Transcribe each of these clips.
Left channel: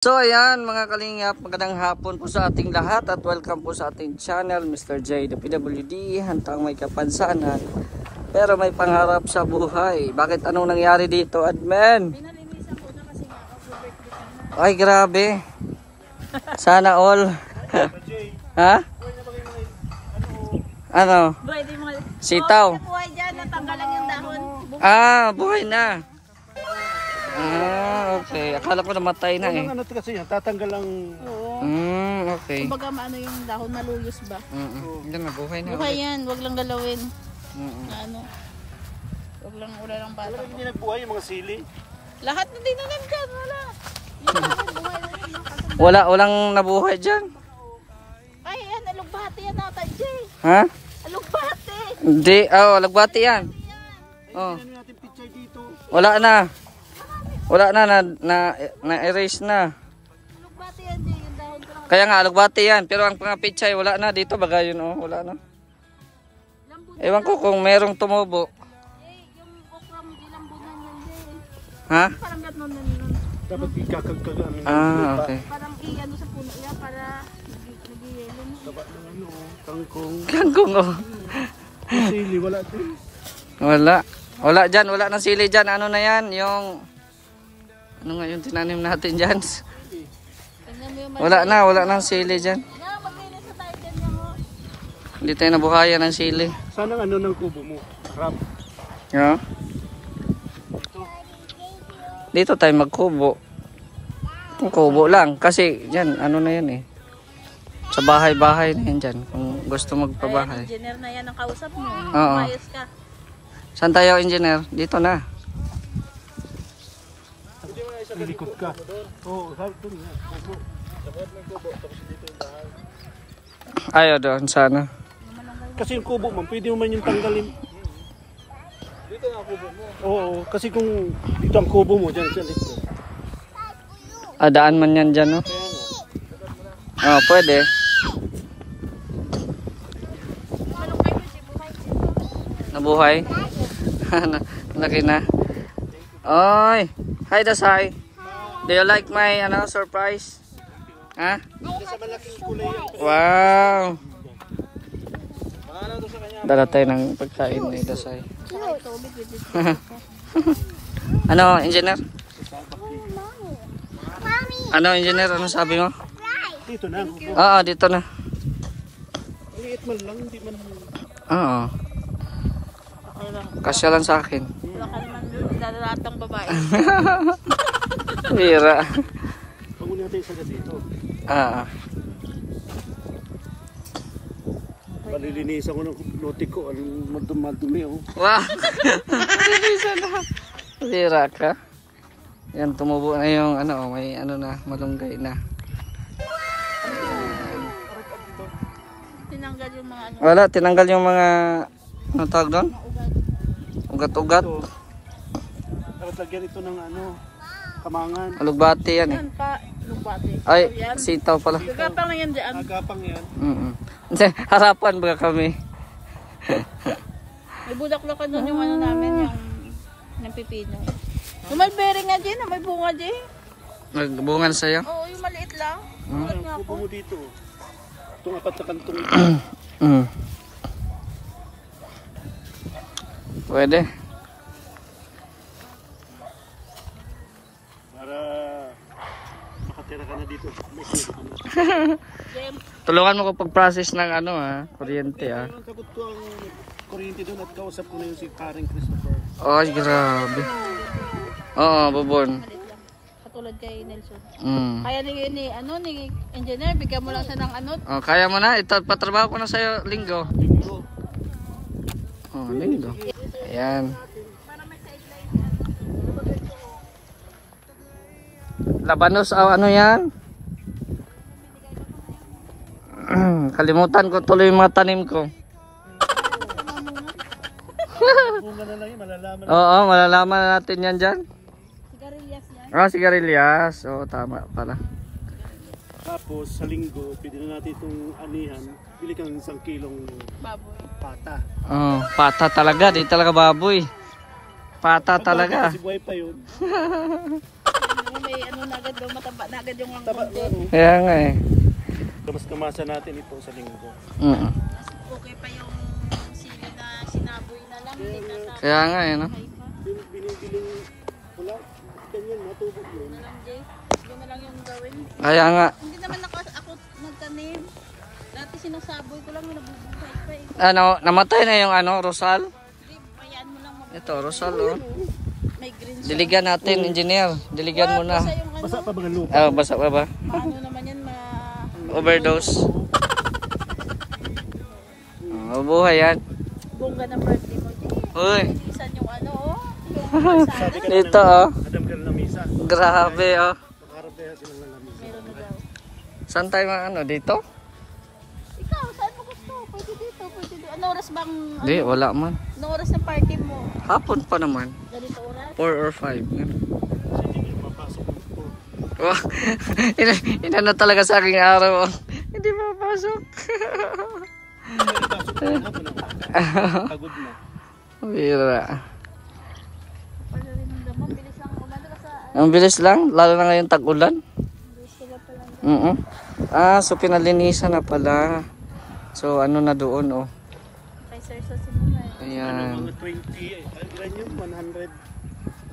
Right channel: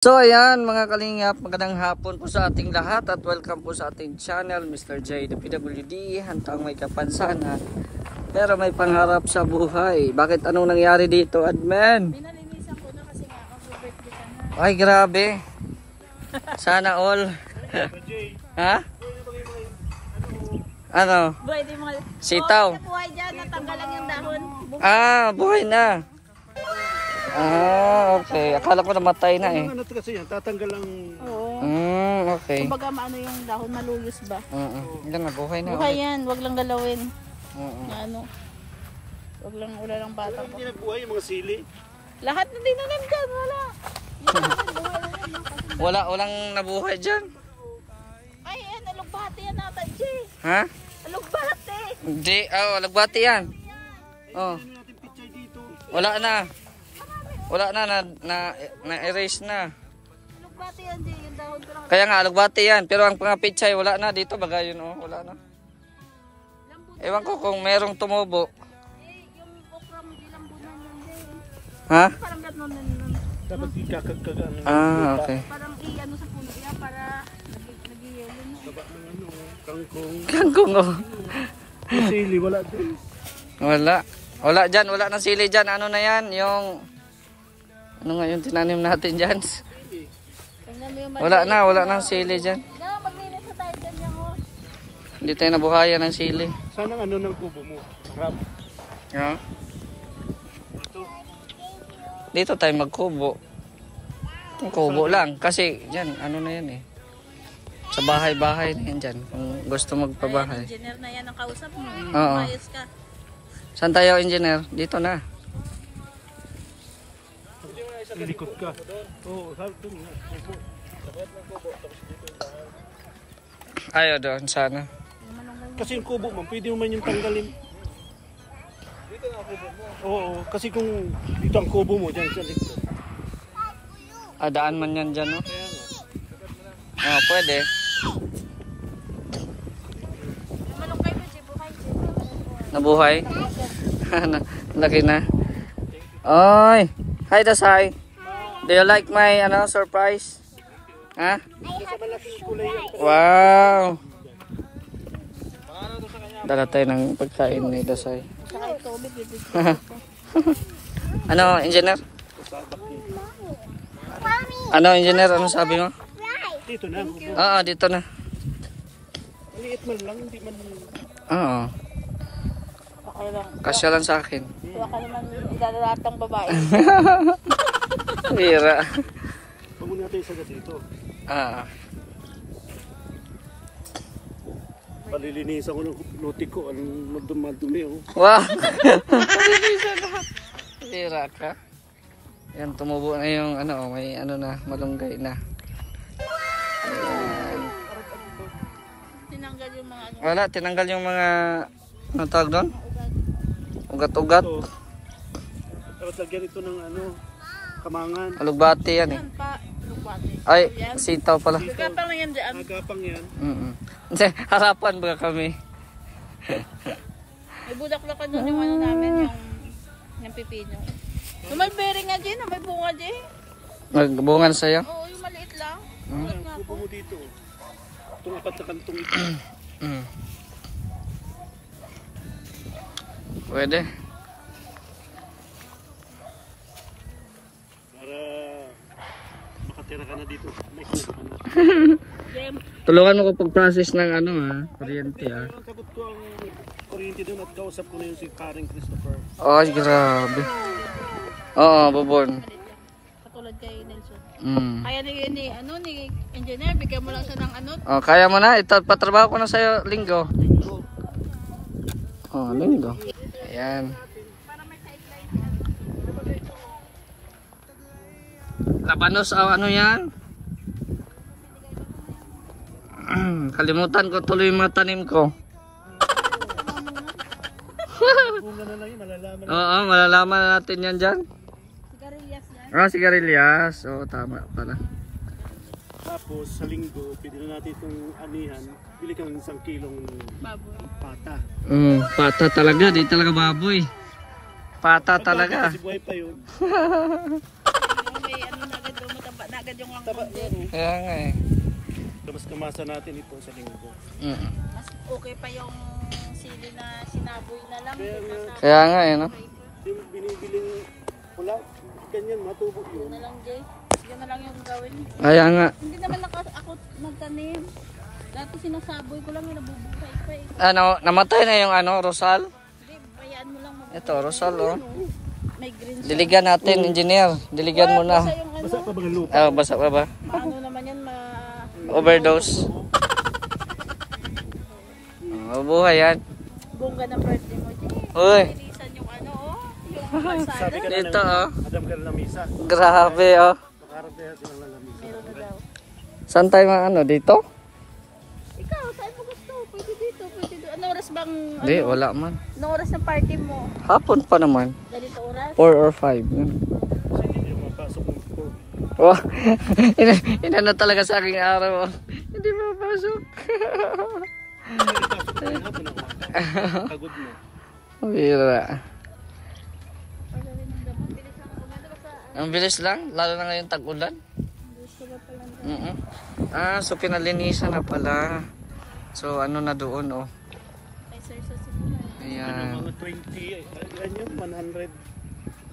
So ayan mga kalingap, magandang hapon po sa ating lahat at welcome po sa ating channel Mr. J the PWD, hantang may kapansanan pero may pangarap sa buhay. Bakit anong nangyari dito, admin? Ay grabe, sana all. Ha? Ano? Sitaw. Ah, buhay na. Ah, okay. Akala ko namatay na eh. Ano kasi yan? Tatanggal ang... Okay. Kumbaga maano yung dahon malulus ba? Yan na, buhay na. Buhay yan, wag lang galawin. Ano? Wala lang bata. Hindi nagbuhay yung mga sili. Lahat na din dyan, wala. Walang nabuhay dyan. Ay, yan, alugbati yan natin, Jay. Ha? Alugbati. Hindi, lagbati yan. Oh. Wala na. Wala na erase na. Alugbati yan, Jay, yung dahon ko lang. Kaya nga alugbati yan, pero ang pangapichay wala na dito, baga yun wala na. Ewan ko kung merong tumubo. Yung okra mo, ilang bunan yan, Jay. Ha? Parang gano'n nun. Dapat ikakagkagaan. Okay. Parang i-ano sa puno iya para nag-yelo na. Dapat ng ano, kangkong. Kangkong Yung sili, wala din. Wala dyan, wala nang sili dyan. Ano na yan, yung... Ano nga yung tinanim natin dyan? Wala nang sili dyan. Hindi tayo nabuhayan ng sili. Sana ano ng kubo mo? Rap. Yeah. Dito tayo magkubo. Kung kubo lang. Kasi dyan, ano na yan eh. Sa bahay-bahay na yan dyan. Kung gusto magpabahay. Engineer na yan ang kausap mo. Oo. Ayos ka. Saan tayo, engineer? Dito na. Likod ka. Oo, sabi doon. Ayaw doon, sana. Kasi yung kubo mo, pwede mo man yung tanggalin. Dito ang kubo mo? Oo, kasi kung dito ang kubo mo, dyan sa likod. Daan man yan dyan, no? Pwede. Nabuhay? Laki na. Oy! Hi, Dasay! Do you like my surprise? Ha? Wow! Dala tayo ng pagkain ni Dasay. Ano, engineer? Ano, engineer? Ano sabi mo? Dito na ang kubo. Oo, dito na. Maliit man lang, hindi man... Oo. Kasya lang sa akin. Baka naman dadalatang babae. Hira. Pag muna natin isa ka dito. Palilinisan ko ng lote ko. Anong madumi, oh. Wow! Hira ka. Yan, tumubo na yung may malunggay na. Tinanggal yung mga Wala, tinanggal yung mga tawag doon? Ugat-ugat. Dapat lagyan ito ng kamangan. Alugbati yan eh. Lupati. Ay, sitaw pala. Kapang na yan dyan. Agapang yan. Hindi, harapan ba kami? Ibudak-lakan doon yung namin, yung pipino. Yung malbering nga dyan, may bunga dyan. Nagbungan sa'yo? Oo, yung maliit lang. Ulat nga Kubo ako. mo dito. Itong apat na kantong ito. Pwede. Para makatira ka na dito. Next ka na. Tulungan mo ko pag-process ng kuryente Sagot ko ang kuryente doon at kausap ko na yung si Karen Christopher. Ay, grabe. Oo, babon. Katulad kay Nelson. Mm. Kaya ni engineer, bigyan mo lang siya ng Kaya mo na, patrabaho ko na sa'yo linggo. Linggo. Ayan. Labanos, yan? Kalimutan ko tuloy yung mga tanim ko. Bunga na lang yun, malalaman. Oo, malalaman na natin yan dyan. sigarilyas yan. Sigarilyas. Oo, tama pala. Tapos sa linggo, pwede na natin itong anihan. Bili kang 1 kilong Baboy. pata. Pata talaga, di talaga baboy. Pata talaga. Kasi buhay pa yun. May na agad, mataba na agad agad yung Taba, angkong din. Kaya nga eh. Mas kamasa natin ito sa linggo. Mm. Mas okay pa yung sili na sinaboy na lang. Kaya nga eh, no? Binibiling wala. Ganyan, matubo yun. Na lang, Jay. Yun na lang yung gawin. Kaya nga. Hindi naman ako nagtanim. Dati sinasabo ko lang nabubuhay ko. Ano, namatay na yung ano, Rosal? Hindi, bayaan mo lang. Ito, Rosal, oh. May green siya. Diligan natin, engineer. Diligan mo na. Basta yung ano, Basa pa ba ng lupa? Ah, basa pa ba? ano naman yan, Overdose. Mabuhay yan. bongga ng birthday mo, Jay. Uy, Bilisan yung ano, oh. Yung Sabi ka ito oh. Adam ka na misa. Grabe oh. Nakaharap kaya sila ng lamisa. Saan tayo ano, dito? Ikaw, saan mo gusto? Pwede dito, pwede dito. Ano oras bang, Hindi, wala man. ano oras ng party mo? Hapon pa naman. Ganito oras? 4 or 5. Yan. Hindi niya mapasok ng school. Oh, inano talaga sa aking araw. Oh. Hindi mapasok. Pagod na. Bira. Pagawin ng gamot, bilis lang kumanda. Basta, Ang bilis lang, lalo na ngayon tag-ulan. gusto ba palang So pinalinisan na pala. So ano na doon oh. kay Sir sa sinuna. Ayan. Mga 20, ganyan, 100,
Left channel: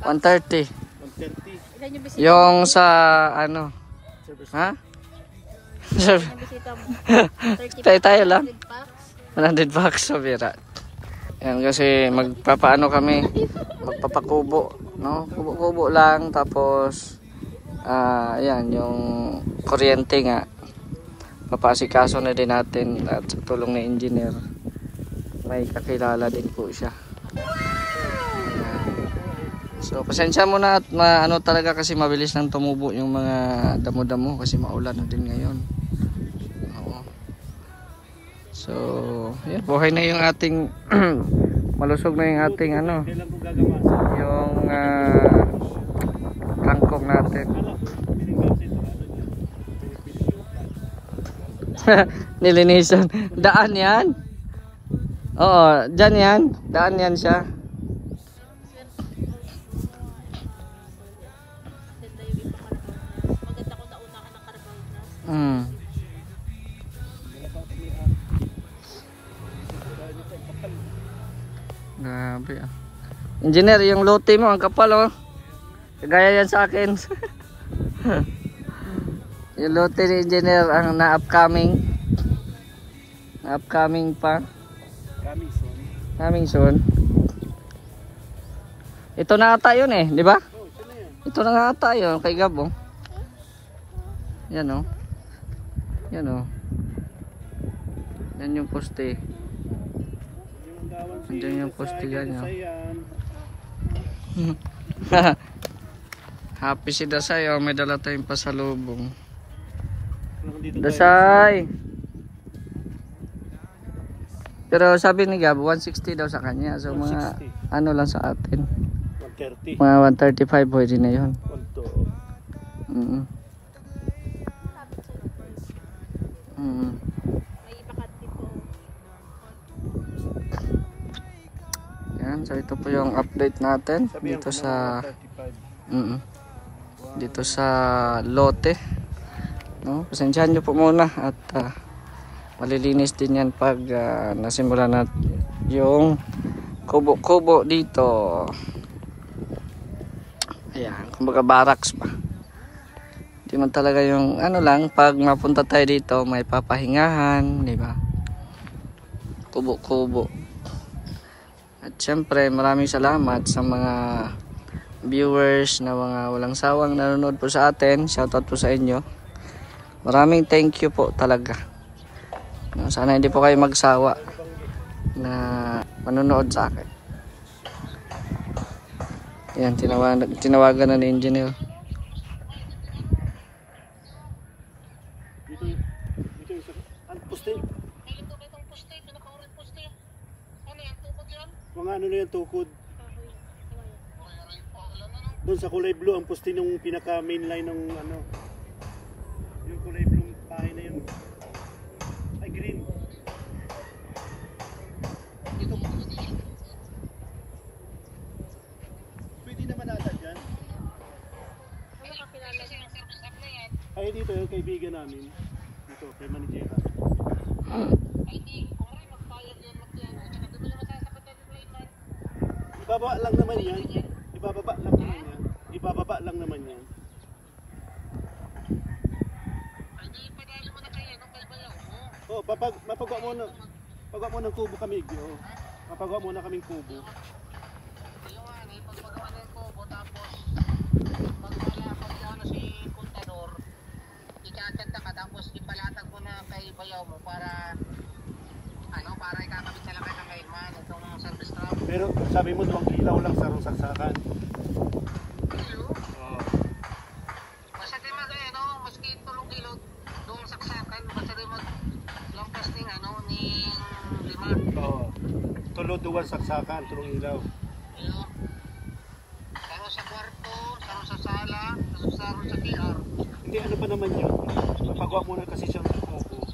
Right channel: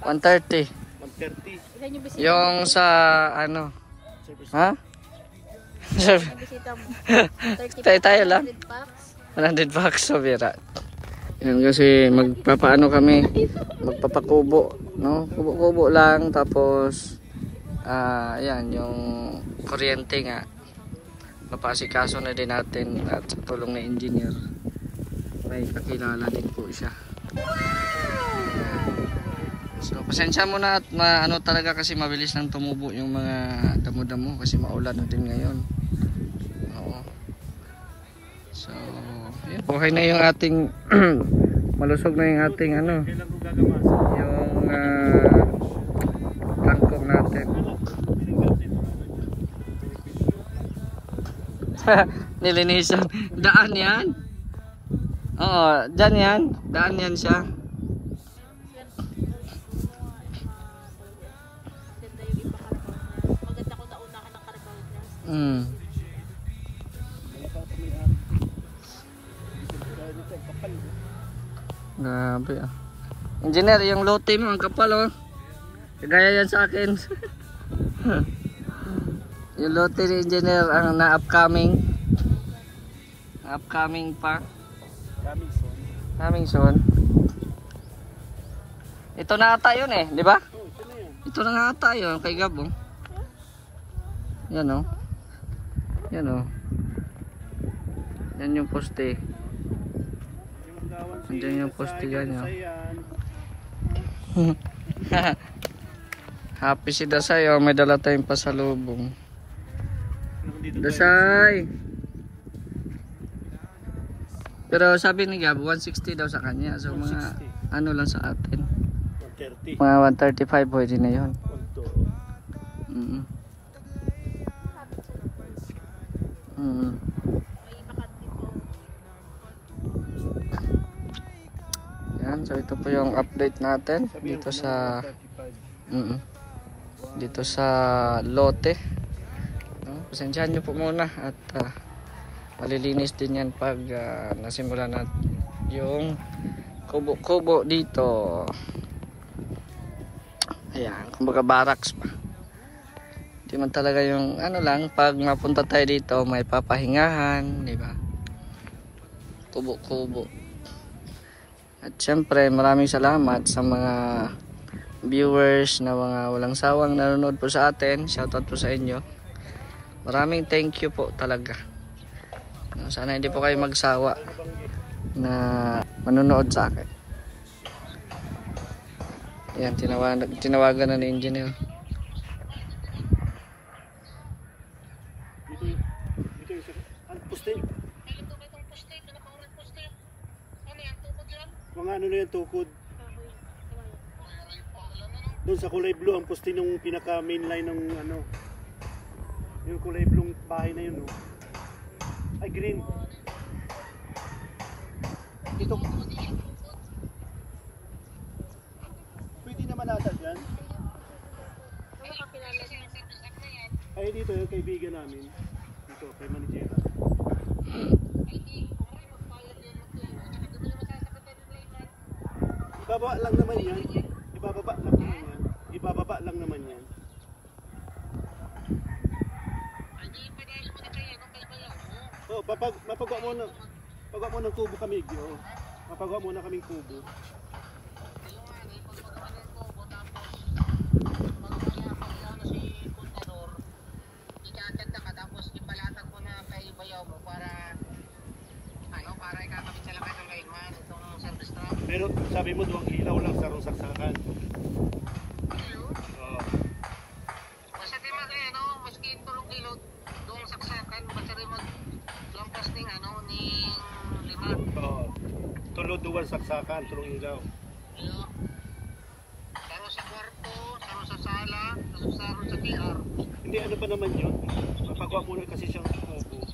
130. 130. Ilan yung bisita, Yung sa ano? Service. Ha? yung bisita mo? 30 Tayo lang. 100 packs. 100 bucks sa bira. Yan kasi magpapaano kami, magpapakubo, no? Kubo-kubo lang tapos ayan yung kuryente nga. Papasikaso na din natin at sa tulong ng engineer. May kakilala din po siya. So pasensya mo na at ano talaga kasi mabilis nang tumubo yung mga damo-damo kasi maulan na din ngayon. Oo. So, yan, buhay na yung ating malusog na yung ating ano, yung kangkong natin. Nilinisan. Daan yan? Oo, dyan yan. Daan yan siya. Ganda yung iba Carabao Glass. Maganda ko nauna ka ng Carabao Glass. Grabe ah. Engineer, yung lote mo, ang kapal oh. Gaya yan sa akin. Yung lote ni engineer ang na-upcoming. Na-upcoming pa. Coming soon. Ito na ata yun eh, di ba? Ito na nga ata yun, kay Gabo. Yan oh. Yan oh. Yan yung poste. Andiyan yung poste yan oh. Happy si Dasay oh, may dala tayong pasalubong. Dasay. Pero sabi ni Gab 160 daw sa kanya. So mga ano lang sa atin. 130. Mga 135 pwede na 'yon. 120. May iba ka dito. Yan, so ito po yung update natin dito sa dito sa lote. No, pasensyahan niyo po muna at malilinis din yan pag nasimula na yung kubo-kubo dito. Ayan, kumbaga barracks ba. Di man talaga yung ano lang, pag mapunta tayo dito may papahingahan, di ba? Kubo-kubo. At syempre maraming salamat sa mga viewers na mga walang sawang nanonood po sa atin. Shoutout po sa inyo. Maraming thank you po talaga. Sana hindi po kayo magsawa na manonood sa akin. Yan, tinawagan na ni engineer. Dito yung ang poste. Mga ano na yung tukod. Doon sa kulay blue, ang poste ng pinaka main line ng ano. Yung kulay blue pahay na yun. Ay, green. Dito. Pwede naman ata dyan. Ano kakilala niya? ito yung kaibigan namin. Dito, kay Manijera. Ibababa lang naman yan. Ibababa lang naman yan. Ibababa lang naman yan. Oh, mapagawa mo na. Pagawa mo ng kubo kami, oh. Mapagawa mo na kaming kubo. Pagpagawa ng kubo, tapos pagpagawa na si Contador, ikakanta ka, tapos ipalatag mo na kay bayaw mo para para ikakabit sa lakay ng mailman itong service trap. Pero sabi mo duwang ilaw lang sa saksakan. Oo. Basta di maski tulong ilot doong saksakan, basta di maglampas ning ning lima. Oo. Tulod duwan saksakan, tulong ilaw. Iyo. Saro sa kwarto, saro sa sala, saro sa TR. Hindi, ano pa naman yun? Mapagawa mo na kasi siyang kubo.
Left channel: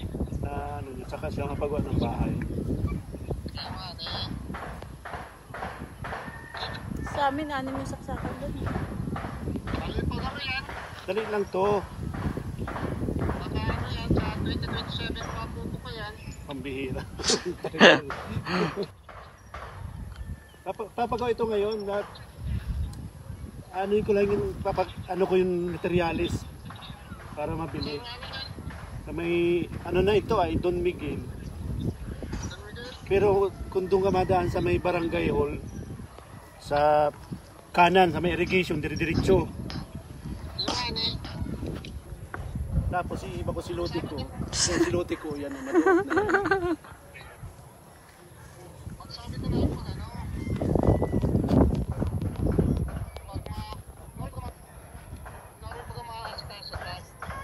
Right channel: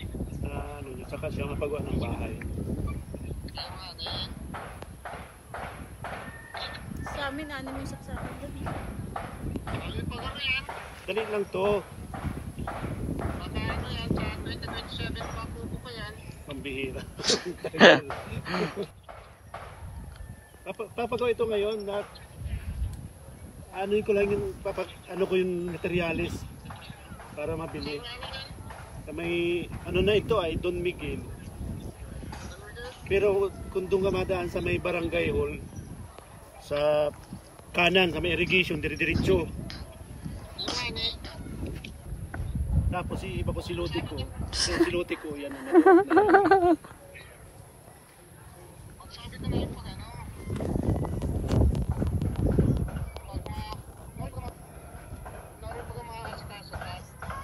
Yun, saka siya mapagawa ng bahay. Sa amin, yung saksakan doon. Dali lang to. Baka yan, sa 2027 mapupo ko yan. Pambihira. Papagawa ito ngayon na ko lang yung ko yung materialis para mabili. May na ito ay Don Miguel. Pero kung doon ka madaan sa may barangay hall sa kanan sa may irrigation dire-diretso. Tapos iba ko si Lote ko. Si Lote ko yan. Magsabi ka na yung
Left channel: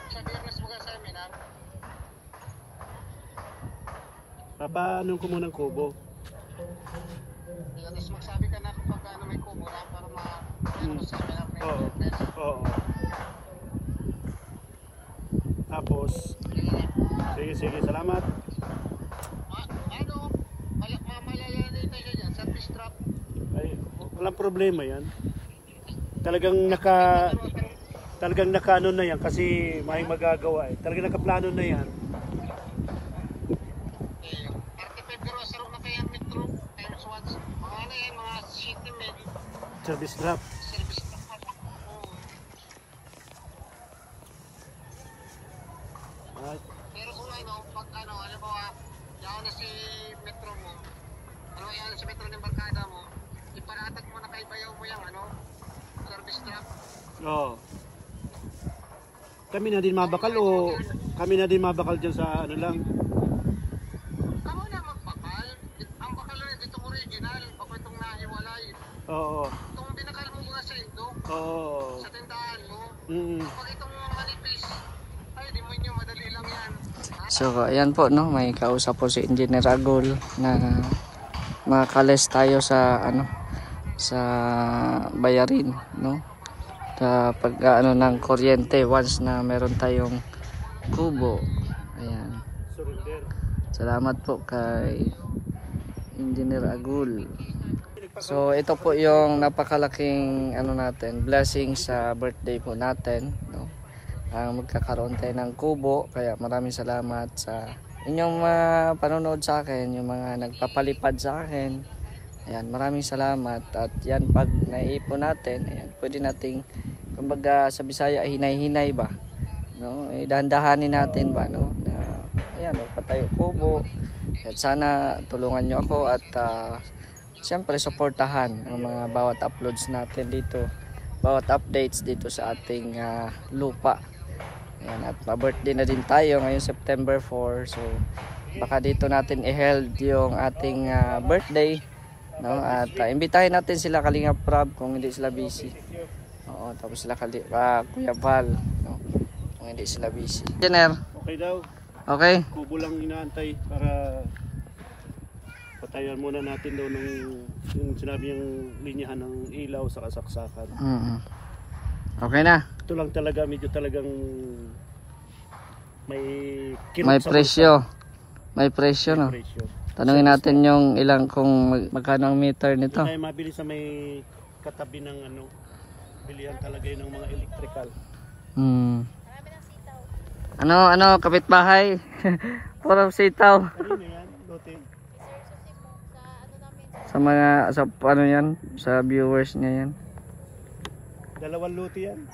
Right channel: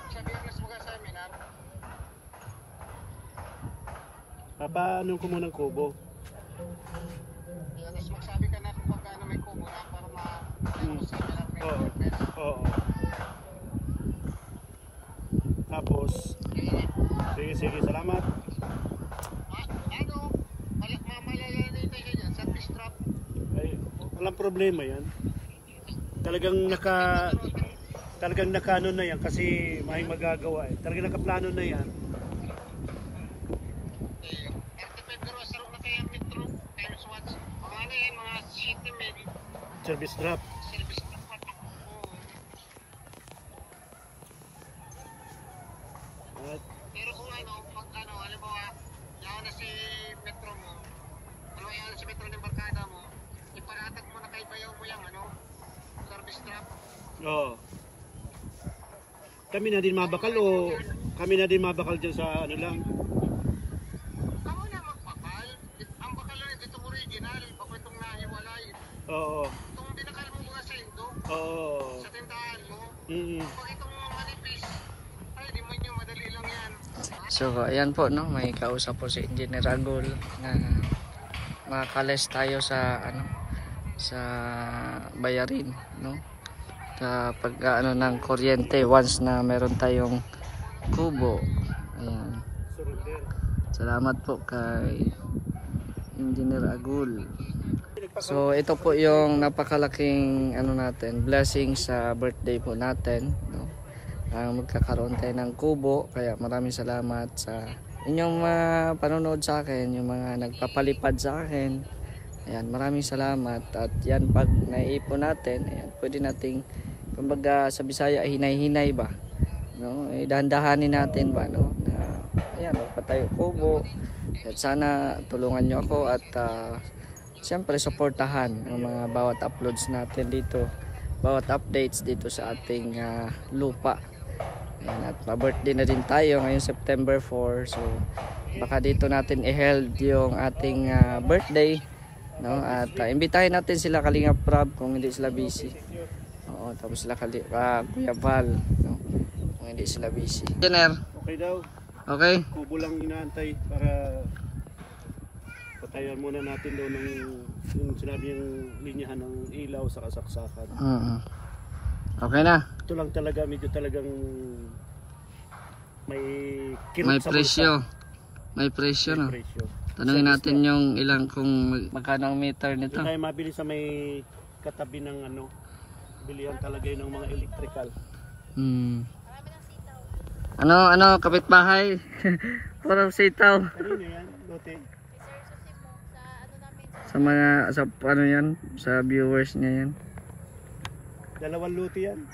sa biyernes mga seminar. Papaano ko muna ng kubo? Tapos magsabi ka na kung pagkano may kubo na para seminar may biyernes. Oo. Tapos, sige, salamat. Mamalala na tayo dyan, service trap. Ay, walang problema yan. Talagang nakano na yan kasi may magagawa eh. Talagang nakaplano na yan. Pero sarap na kaya metro, times watts. Mga yan, mga city med. Service trap. Service trap. Pero kung pag halimbawa, yan na si metro mo, yan na si metro ng barkada mo, iparatag mo na kay bayaw mo yung service trap. Oo. Kami na din mabakal o kami na din mabakal dyan sa lang? Ako na magpakal. Ang bakal na itong original, bako itong nahiwalay. Oo. Itong binakal mo mga sa Indo, Oo. sa tindahan mo. Pag itong manipis, ay di mo nyo, madali lang yan. So ayan po, no, may kausap po si Engineer Agul na makales tayo sa sa bayarin, no, kapag ng kuryente once na meron tayong kubo. Ayan, salamat po kay Engineer Agul. So ito po yung napakalaking natin, blessing sa birthday po natin, no, magkakaroon tayo ng kubo. Kaya maraming salamat sa inyong panonood sa akin, yung mga nagpapalipad sa akin. Ayan, maraming salamat. At yan, pag naiipon natin, ayan, pwede nating, kumbaga sa Bisaya, hinay-hinay ba, no, dahan-dahanin natin ba, no, ayan, magpatayo kubo. At sana tulungan nyo ako at siyempre suportahan ang mga bawat uploads natin dito, bawat updates dito sa ating lupa. Ayan, at pa-birthday na din tayo ngayong September 4. So baka dito natin i-held yung ating birthday, no, at imbitahin natin sila Kalinga Prab kung hindi sila busy. Oo, tapos sila Kuya Val, no, kung hindi sila busy. Engineer, Okay daw. okay? Kubo lang inaantay para patayan muna natin daw ng yung sinabi yung linyahan ng ilaw sa kasaksakan. Okay na. Ito lang talaga, medyo talagang may kirot May sa presyo. bulsa. May presyo, no? May presyo. Tanungin natin yung ilang kung magkano ang meter nito. Ito tayo mabili sa may katabi ng bilihan talaga yun ng mga electrical. Ano, kapitbahay? Puro sitaw. Kanino yan? Lote. Sa mga, sa ano yan? Sa viewers niya yan. Dalawang lote yan.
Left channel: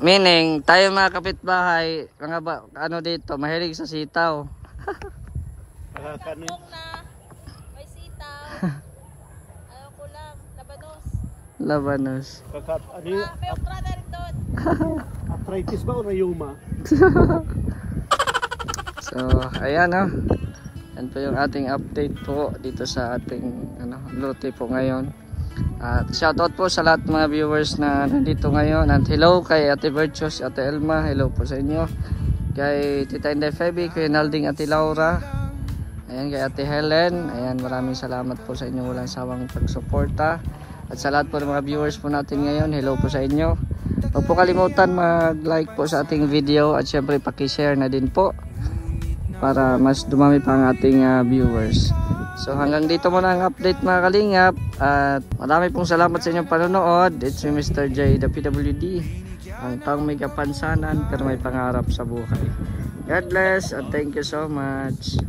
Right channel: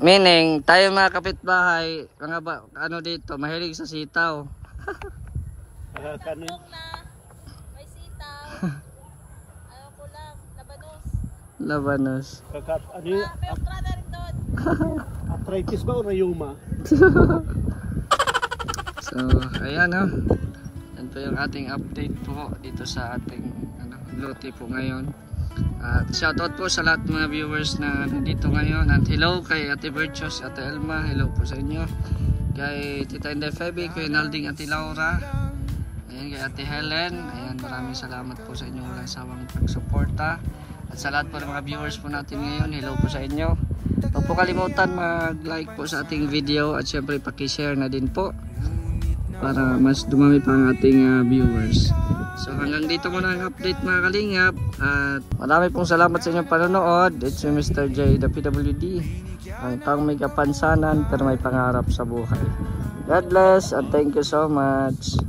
Meaning, tayo mga kapitbahay, mga ano dito, mahilig sa sitaw. Kanin. Na may sitaw. Ayaw ko lang, labanos. Labanos. Ano yun? May okra na rin doon. Arthritis ba o rayuma? So, ayan o. Yan po yung ating update po dito sa ating lote po ngayon. At shoutout po sa lahat mga viewers na nandito ngayon. At hello kay Ate Virtues, Ate Elma. Hello po sa inyo. Kay Tita Inday Feby, kay Nalding, Ate Laura. Ayan, kay Ate Helen. Ayan, maraming salamat po sa inyo. Walang sawang pagsuporta. At sa lahat po ng mga viewers po natin ngayon, hello po sa inyo. Huwag po kalimutan mag-like po sa ating video. At syempre paki-share na din po para mas dumami pa ang ating viewers. So hanggang dito muna ang update mga kalingap. At marami pong salamat sa inyong panonood. It's si Mr. J, the PWD. Ang taong may kapansanan pero may pangarap sa buhay. God bless and thank you so much.